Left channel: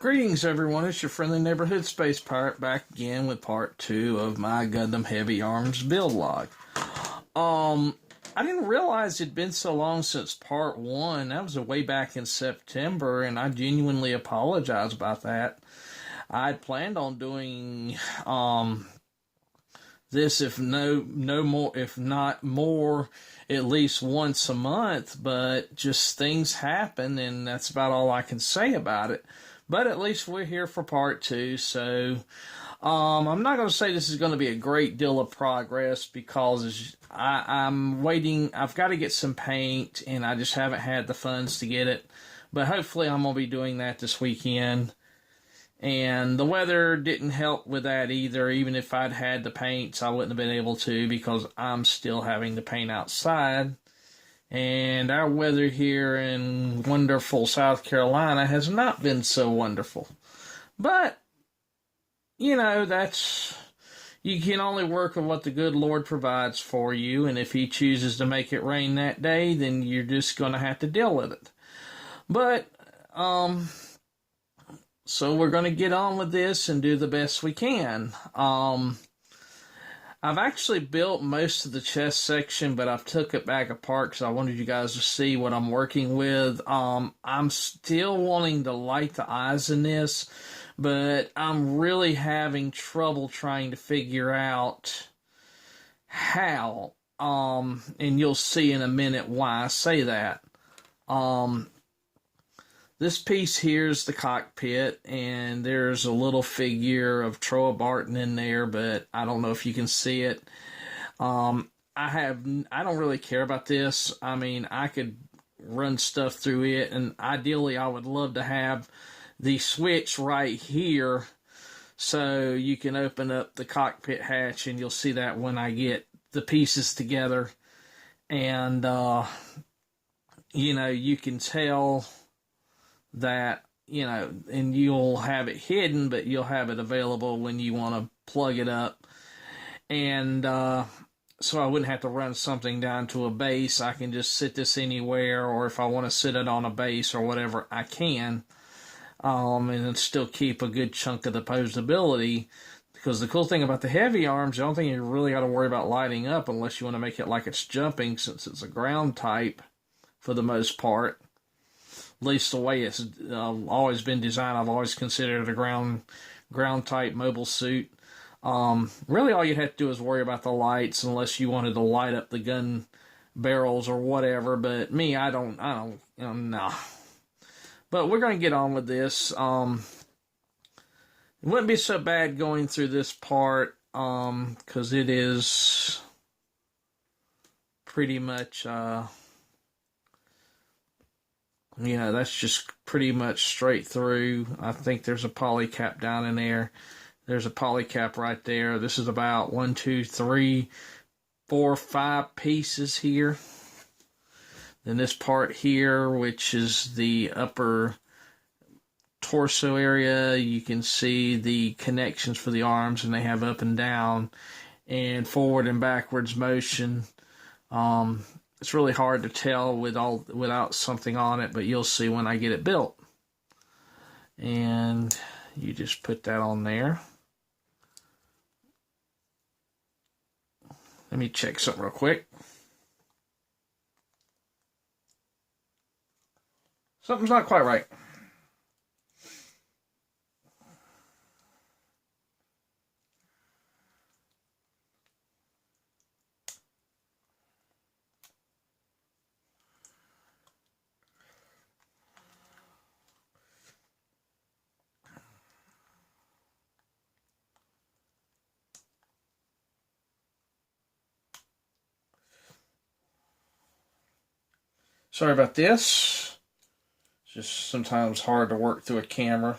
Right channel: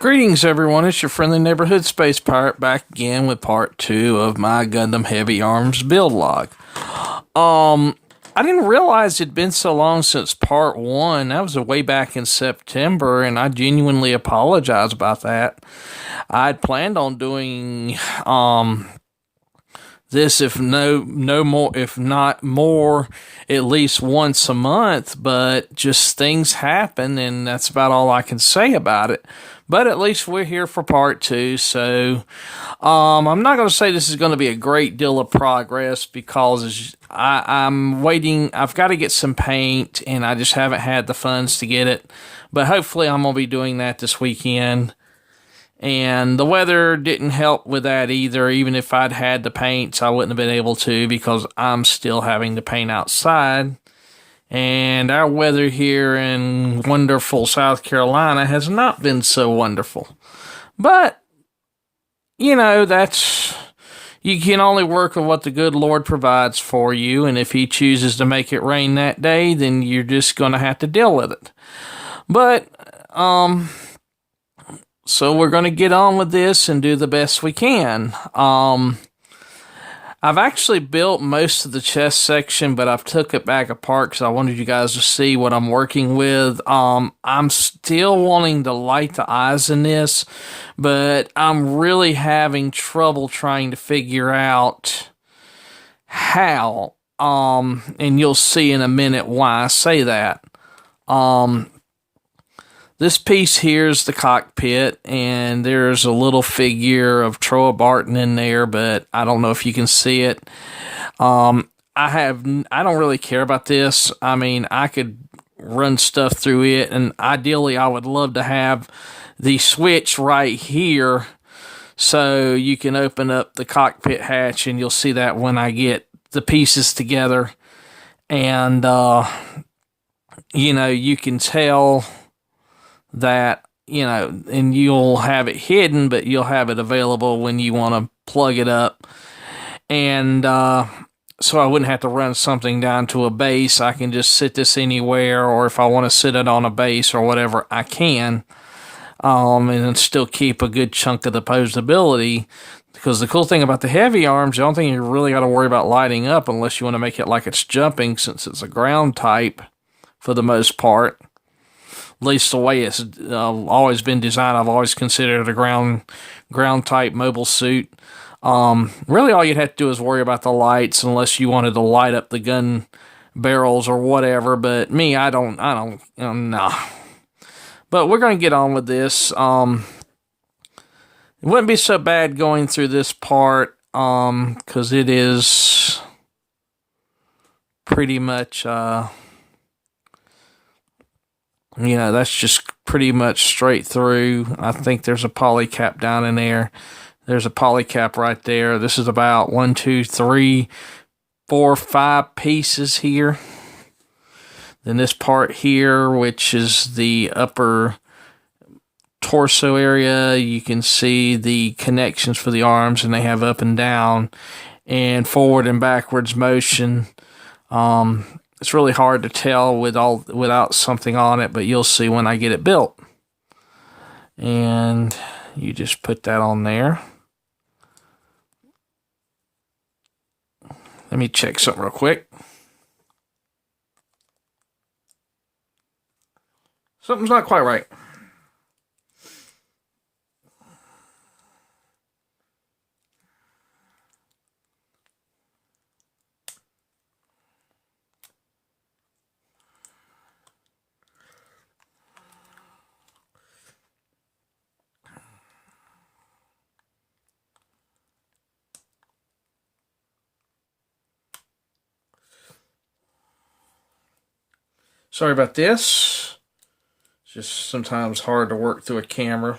Greetings, everyone. It's your friendly neighborhood space pirate back again with part 2 of my Gundam Heavyarms build log. I didn't realize it'd been so long since part 1. That was way back in September, and I genuinely apologize about that. I'd planned on doing this if no more, if not more, at least once a month, but just things happen, and that's about all I can say about it. But at least we're here for part 2, so I'm not going to say this is going to be a great deal of progress because I'm waiting. I've got to get some paint, and I just haven't had the funds to get it. But hopefully I'm going to be doing that this weekend. And the weather didn't help with that either. Even if I'd had the paints, I wouldn't have been able to because I'm still having to paint outside. And our weather here in wonderful South Carolina has not been so wonderful. But, you know, you can only work with what the good Lord provides for you. And if He chooses to make it rain that day, then you're just going to have to deal with it. But, so we're going to get on with this and do the best we can. I've actually built most of the chest section, but I've took it back apart because I wanted you guys to see what I'm working with. I'm still wanting to light the eyes in this, but I'm really having trouble trying to figure out how. And you'll see in a minute why I say that. This piece here is the cockpit, and there's a little figure of Troa Barton in there, but I don't know if you can see it. I don't really care about this. I mean, I could run stuff through it, and ideally I would love to have the switch right here so you can open up the cockpit hatch, and you'll see that when I get the pieces together. And, you can tell that, and you'll have it hidden, but you'll have it available when you want to plug it up. And so I wouldn't have to run something down to a base. I can just sit this anywhere, or if I want to sit it on a base or whatever, I can. And still keep a good chunk of the posability. Because the cool thing about the Heavyarms, the only thing you really got to worry about lighting up, unless you want to make it like it's jumping, since it's a ground type for the most part. At least the way it's always been designed, I've always considered it a ground type mobile suit. Really, all you'd have to do is worry about the lights, unless you wanted to light up the gun barrels or whatever. But me, I don't, nah. But we're gonna get on with this. It wouldn't be so bad going through this part, because it is pretty much, that's just pretty much straight through. I think there's a poly cap down in there. There's a poly cap right there. This is about 1, 2, 3, 4, 5 pieces here. Then this part here, which is the upper torso area, you can see the connections for the arms, and they have up and down and forward and backwards motion. It's really hard to tell without something on it, but you'll see when I get it built. And you just put that on there. Let me check something real quick. Something's not quite right. Sorry about this. It's just sometimes hard to work through a camera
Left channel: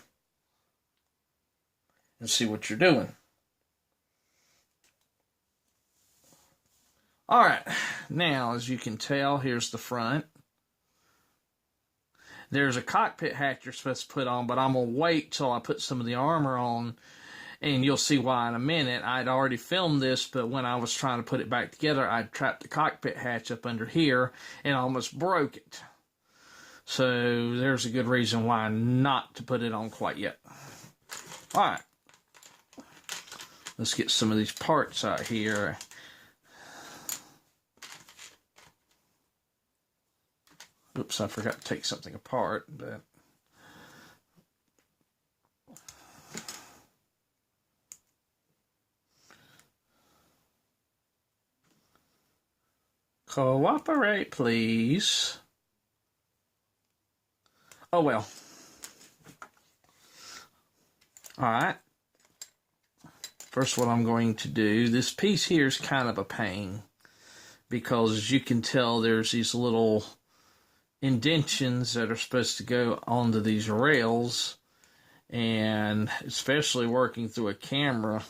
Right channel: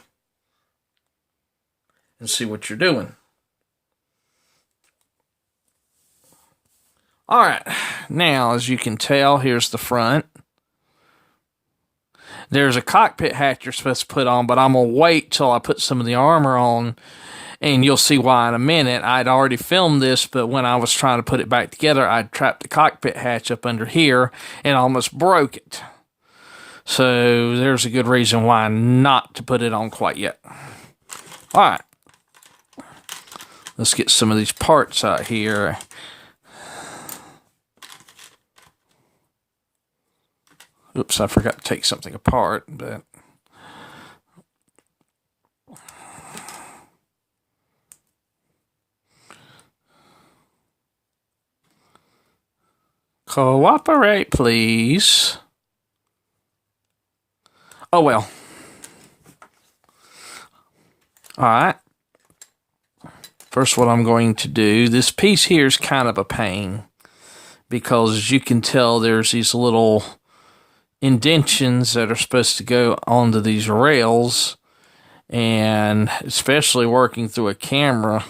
and see what you're doing. Alright, now as you can tell, here's the front. There's a cockpit hatch you're supposed to put on, but I'm going to wait till I put some of the armor on, and you'll see why in a minute. I'd already filmed this, but when I was trying to put it back together, I'd trapped the cockpit hatch up under here and almost broke it. So there's a good reason why not to put it on quite yet. All right. Let's get some of these parts out here. Oops, I forgot to take something apart, but cooperate, please. Oh, well. All right. First, what I'm going to do, this piece here is kind of a pain because, as you can tell, there's these little indentions that are supposed to go onto these rails, and especially working through a camera,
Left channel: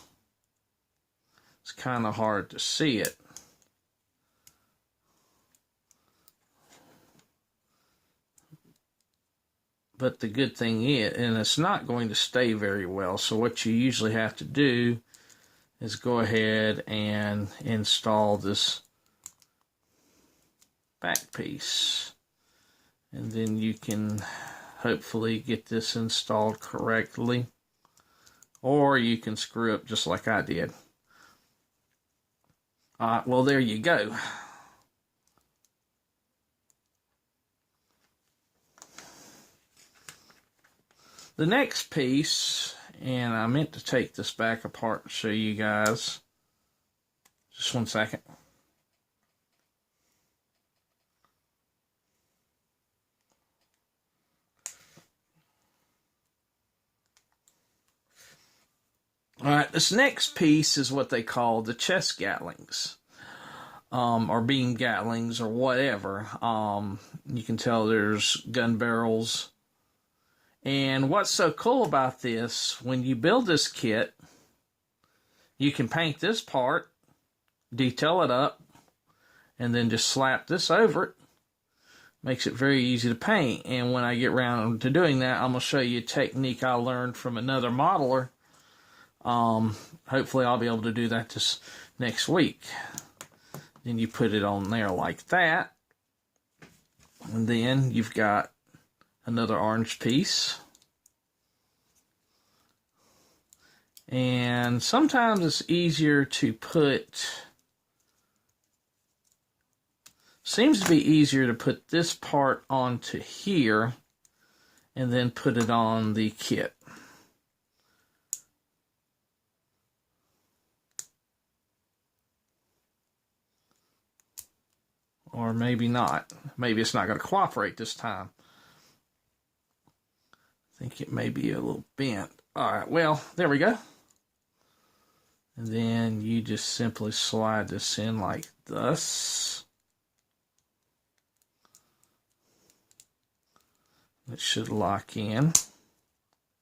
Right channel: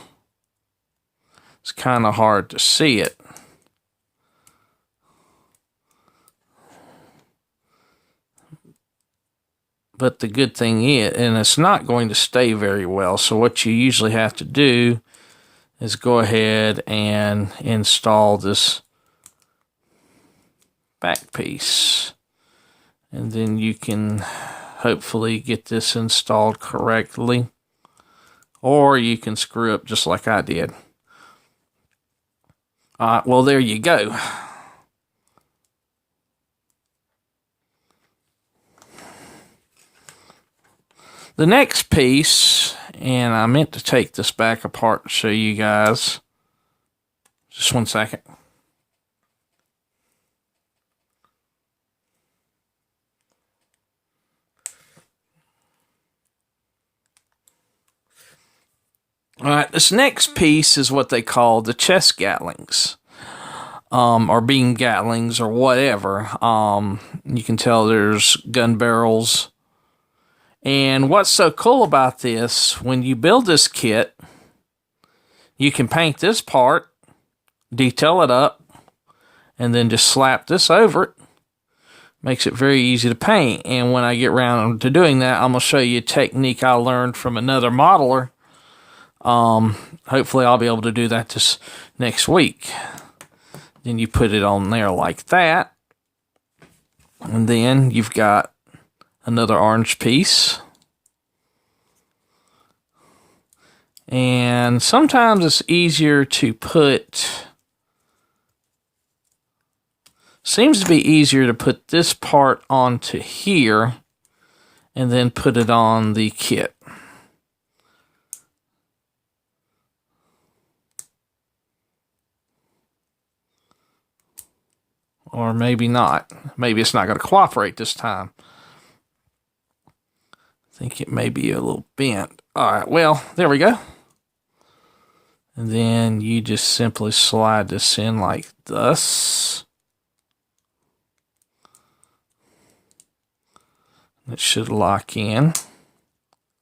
it's kind of hard to see it. But the good thing is, and it's not going to stay very well, so what you usually have to do is go ahead and install this back piece. And then you can hopefully get this installed correctly. Or you can screw up just like I did. Well, there you go. The next piece, and I meant to take this back apart to show you guys. Just one second. All right, this next piece is what they call the chest gatlings, or beam gatlings, or whatever. You can tell there's gun barrels. And what's so cool about this, when you build this kit, you can paint this part, detail it up, and then just slap this over it. Makes it very easy to paint. And when I get around to doing that, I'm going to show you a technique I learned from another modeler. Hopefully I'll be able to do that this next week. Then you put it on there like that. And then you've got another orange piece. And sometimes it's easier to put, seems to be easier to put this part onto here and then put it on the kit. Or maybe not. Maybe it's not going to cooperate this time. I think it may be a little bent. All right, well, there we go. And then you just simply slide this in like this. It should lock in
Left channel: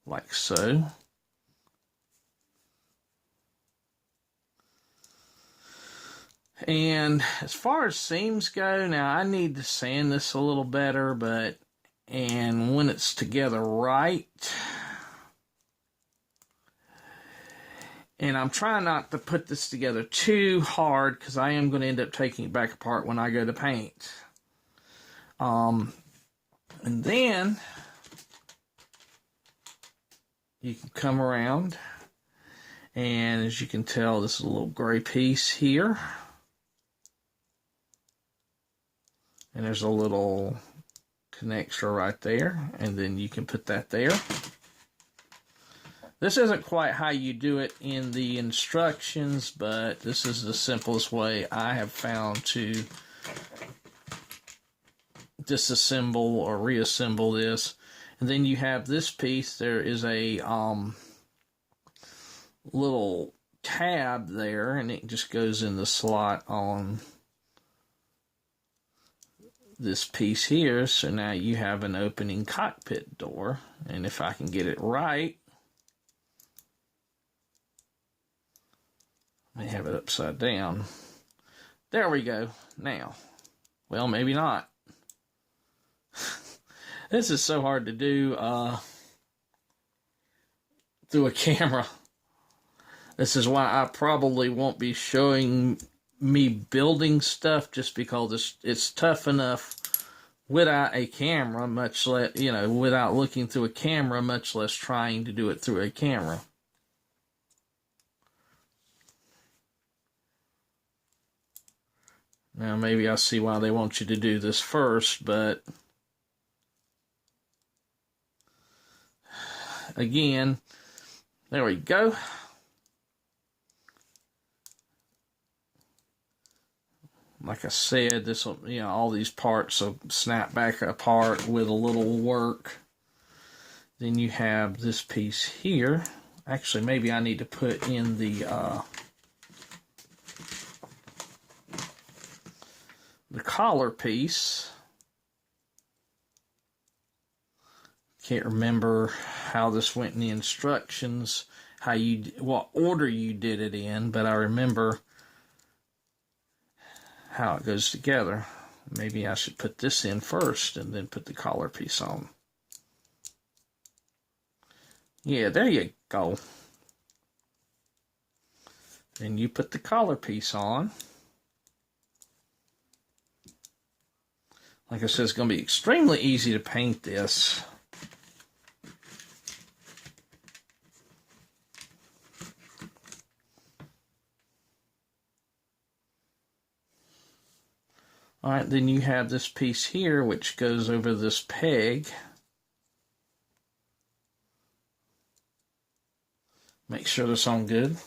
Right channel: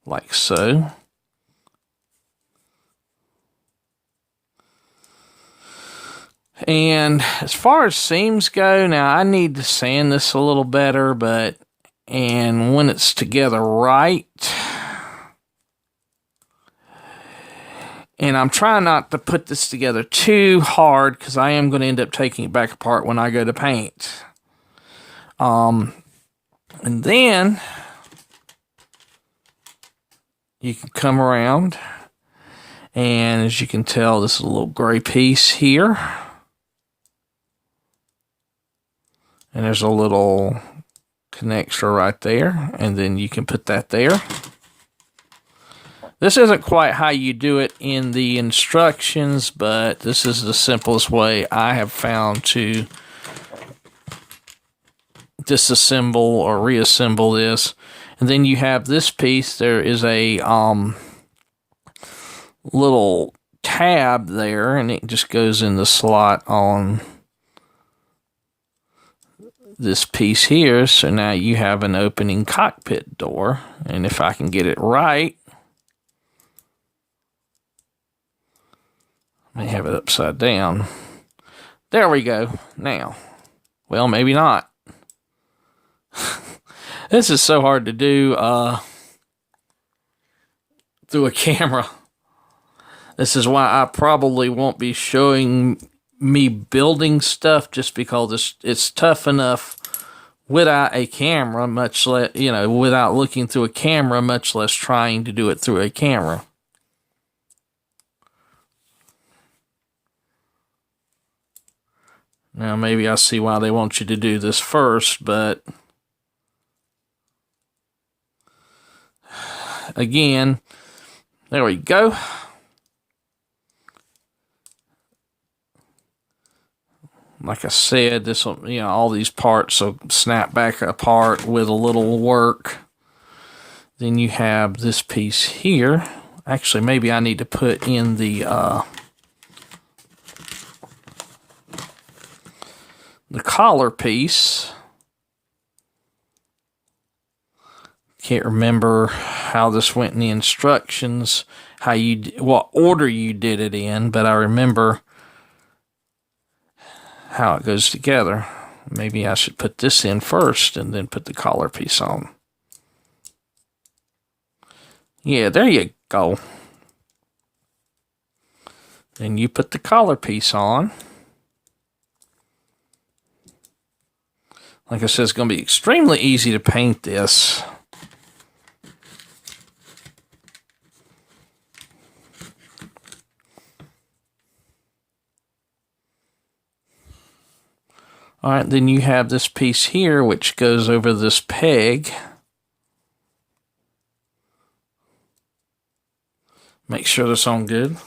like so. And as far as seams go, now I need to sand this a little better, and when it's together right, and I'm trying not to put this together too hard because I am going to end up taking it back apart when I go to paint. And then you can come around, and as you can tell, this is a little gray piece here. And there's a little connector right there, and then you can put that there. This isn't quite how you do it in the instructions, but this is the simplest way I have found to disassemble or reassemble this. And then you have this piece. There is a little tab there, and it just goes in the slot on this piece here. So now you have an opening cockpit door, and if I can get it right, I may have it upside down. There we go. Now, well, maybe not. This is so hard to do through a camera. This is why I probably won't be showing me building stuff, just because it's tough enough without a camera, much less, without looking through a camera, much less trying to do it through a camera. Now, maybe I see why they want you to do this first, but again, there we go. Like I said, this will, all these parts will snap back apart with a little work. Then you have this piece here. Actually, maybe I need to put in the collar piece. Can't remember how this went in the instructions, what order you did it in, but I remember how it goes together. Maybe I should put this in first and then put the collar piece on. Yeah, there you go. Then you put the collar piece on. Like I said, it's going to be extremely easy to paint this. All right, then you have this piece here, which goes over this peg. Make sure that's on good.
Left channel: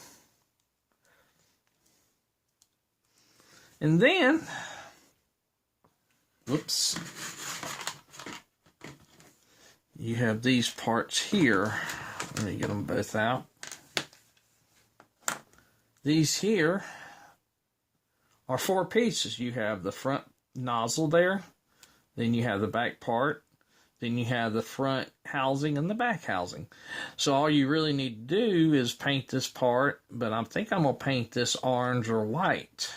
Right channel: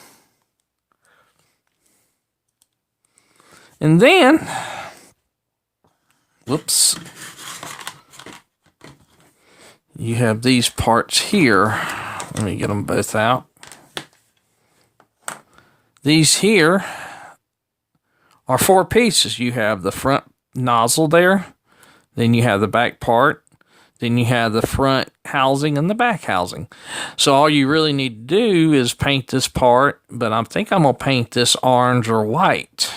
And then, whoops, you have these parts here. Let me get them both out. These here are 4 pieces. You have the front nozzle there, then you have the back part, then you have the front housing and the back housing. So all you really need to do is paint this part, but I think I'm going to paint this orange or white.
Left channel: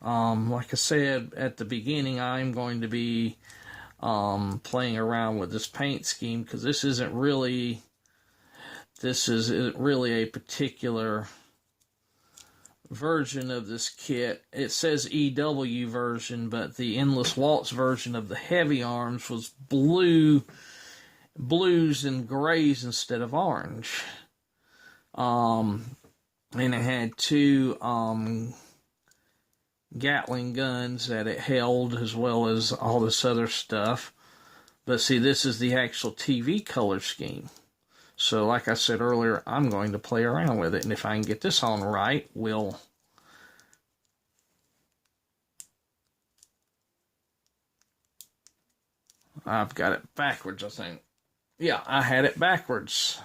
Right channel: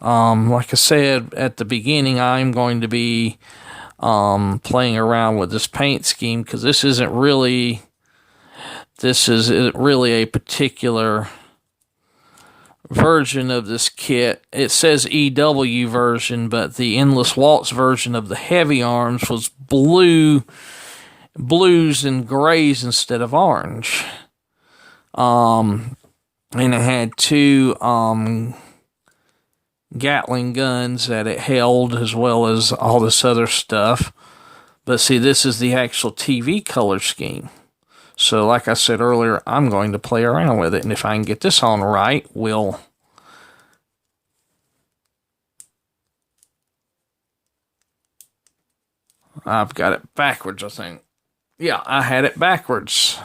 Like I said at the beginning, I'm going to be playing around with this paint scheme because this isn't really a particular version of this kit. It says EW version, but the Endless Waltz version of the Heavyarms was blues and grays instead of orange. And it had 2 Gatling guns that it held, as well as all this other stuff. But see, this is the actual TV color scheme. So like I said earlier, I'm going to play around with it. And if I can get this on right, I've got it backwards, I think. Yeah, I had it backwards.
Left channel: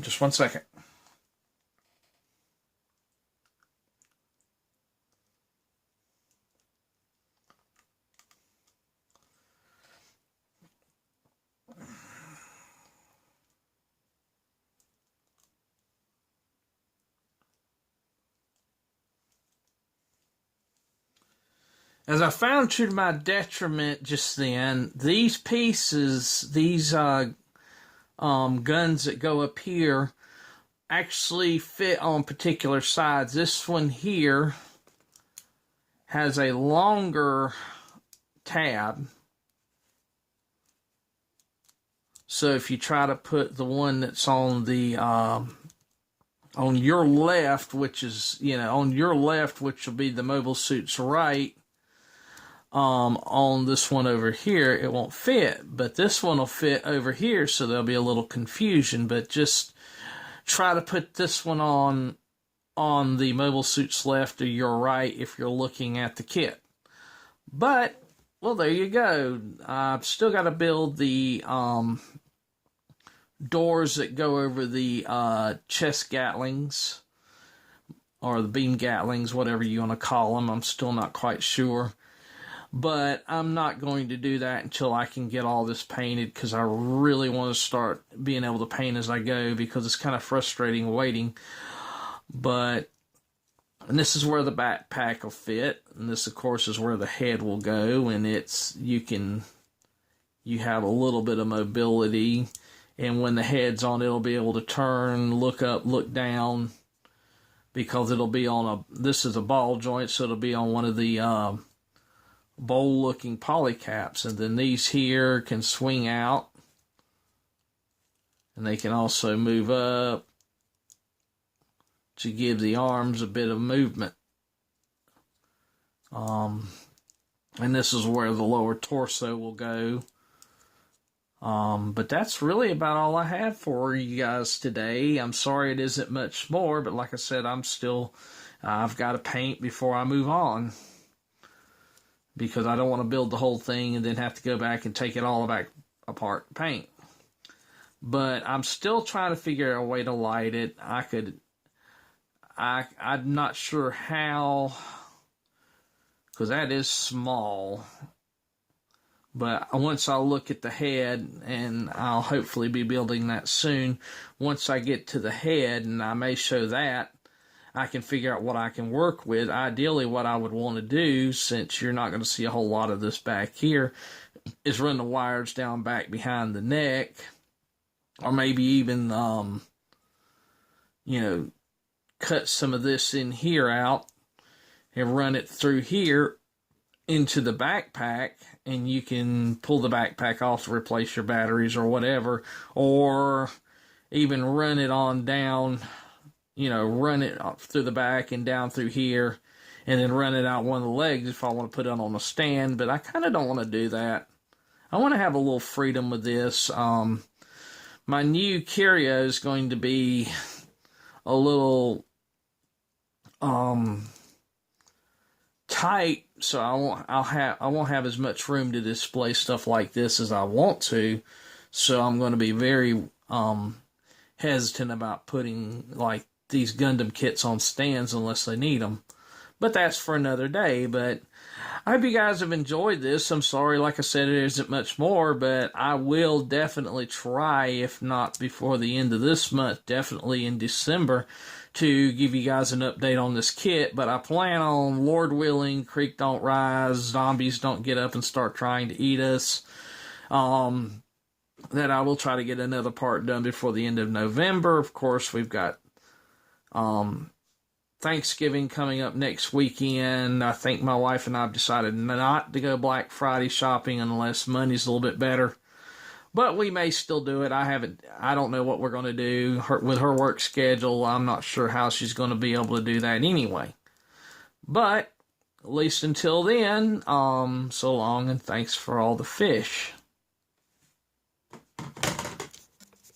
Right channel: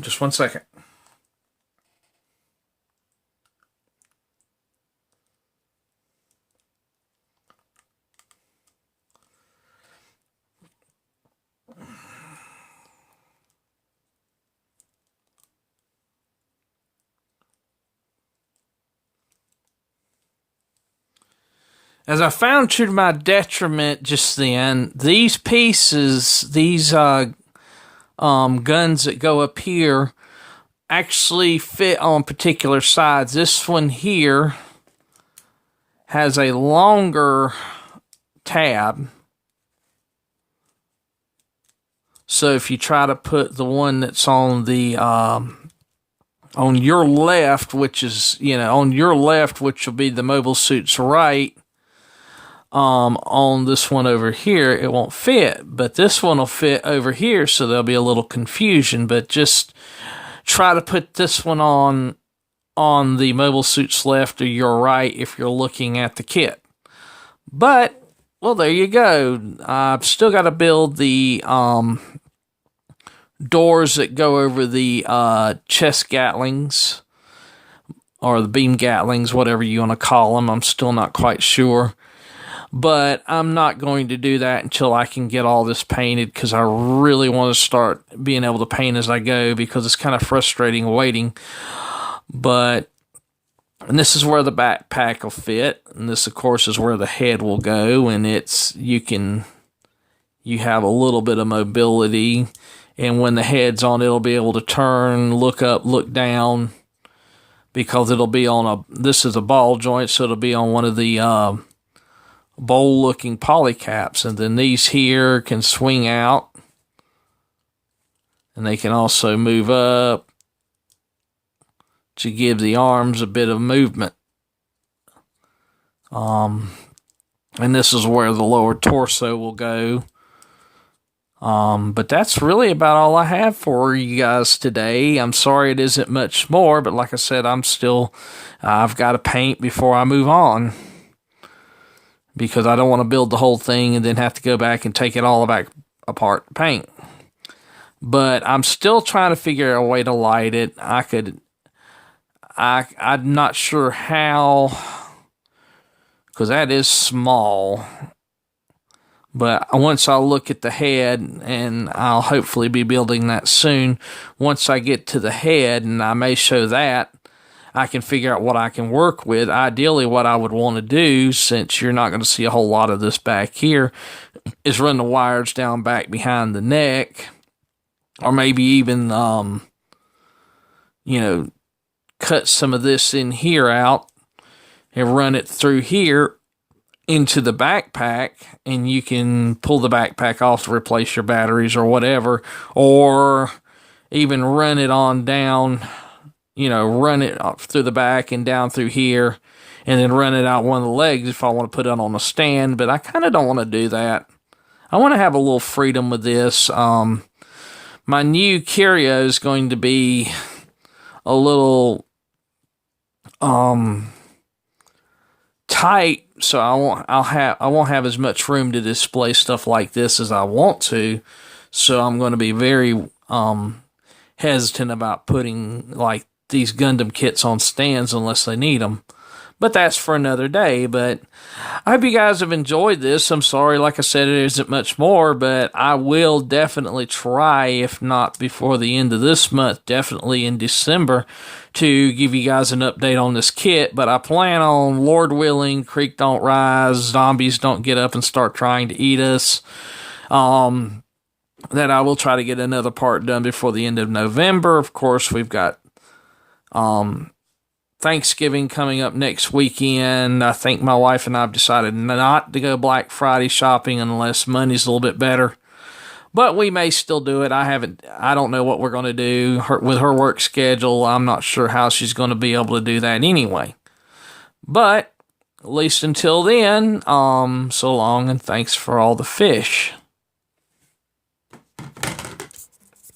Just 1 second. As I found to my detriment just then, these pieces, these guns that go up here, actually fit on particular sides. This one here has a longer tab. So if you try to put the one that's on the on your left, which is, on your left, which will be the mobile suit's right, on this one over here, it won't fit, but this one will fit over here, so there'll be a little confusion. But just try to put this one on the mobile suit's left or your right if you're looking at the kit. But, well, there you go. I've still got to build the doors that go over the chest gatlings, or the beam gatlings, whatever you want to call them. I'm still not quite sure. But I'm not going to do that until I can get all this painted, because I really want to start being able to paint as I go, because it's kind of frustrating waiting. And this is where the backpack will fit, and this, of course, is where the head will go, and you have a little bit of mobility, and when the head's on, it'll be able to turn, look up, look down, because it'll be on this is a ball joint, so it'll be on one of the bowl-looking poly caps. And then these here can swing out, and they can also move up to give the arms a bit of movement. And this is where the lower torso will go. But that's really about all I have for you guys today. I'm sorry it isn't much more, but like I said, I've got to paint before I move on, because I don't want to build the whole thing and then have to go back and take it all back apart to paint. But I'm still trying to figure out a way to light it. I'm not sure how, because that is small. But once I look at the head, and I'll hopefully be building that soon, once I get to the head, and I may show that, I can figure out what I can work with. Ideally, what I would want to do, since you're not going to see a whole lot of this back here, is run the wires down back behind the neck, or maybe even, cut some of this in here out and run it through here into the backpack, and you can pull the backpack off to replace your batteries or whatever, or even run it on down, run it up through the back and down through here, and then run it out one of the legs if I want to put it on a stand. But I kind of don't want to do that. I want to have a little freedom with this. My new curio is going to be a little tight, so I won't have as much room to display stuff like this as I want to. So I'm going to be very hesitant about putting like these Gundam kits on stands unless they need them. But that's for another day. But I hope you guys have enjoyed this. I'm sorry, like I said, it isn't much more, but I will definitely try, if not before the end of this month, definitely in December, to give you guys an update on this kit. But I plan on, Lord willing, creek don't rise, zombies don't get up and start trying to eat us, that I will try to get another part done before the end of November. Of course, we've got Thanksgiving coming up next weekend. I think my wife and I have decided not to go Black Friday shopping unless money's a little bit better. But we may still do it. I don't know what we're going to do with her work schedule. I'm not sure how she's going to be able to do that anyway. But at least until then, so long, and thanks for all the fish.